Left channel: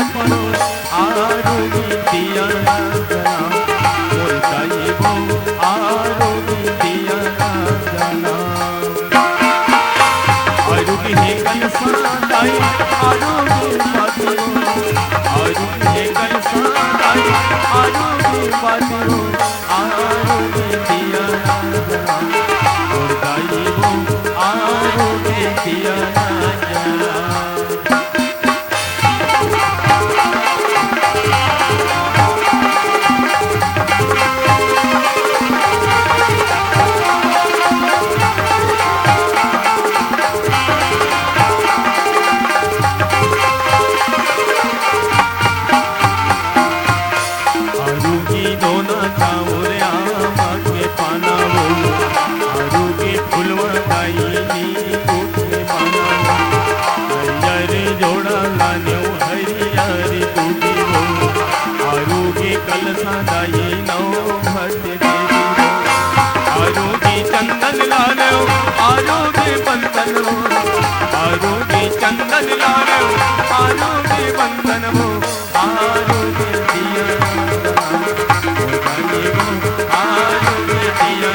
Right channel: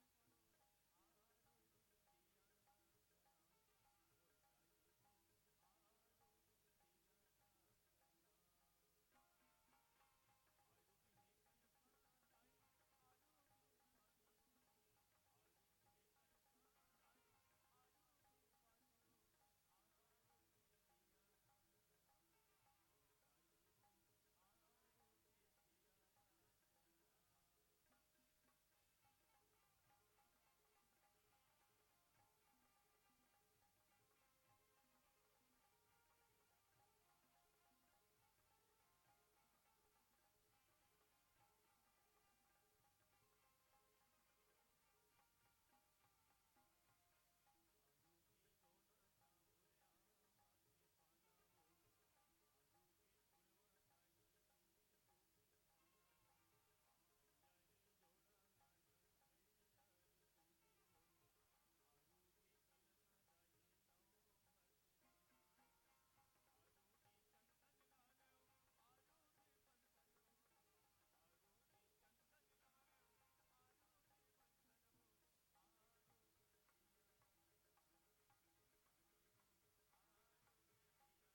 बातिरो आरोगी दिया जना बोलताई वो आरोगी दिया जना आरोगी है कल सादाई आरोगी बातिरो आरोगी है कल सादाई आरोगी बातिरो आरोगी दिया जना बोलताई वो आरोगी दिया जना आरोगी चंदन लालो आरोगी बंधन वो आरोगी दिया आरोगी दिया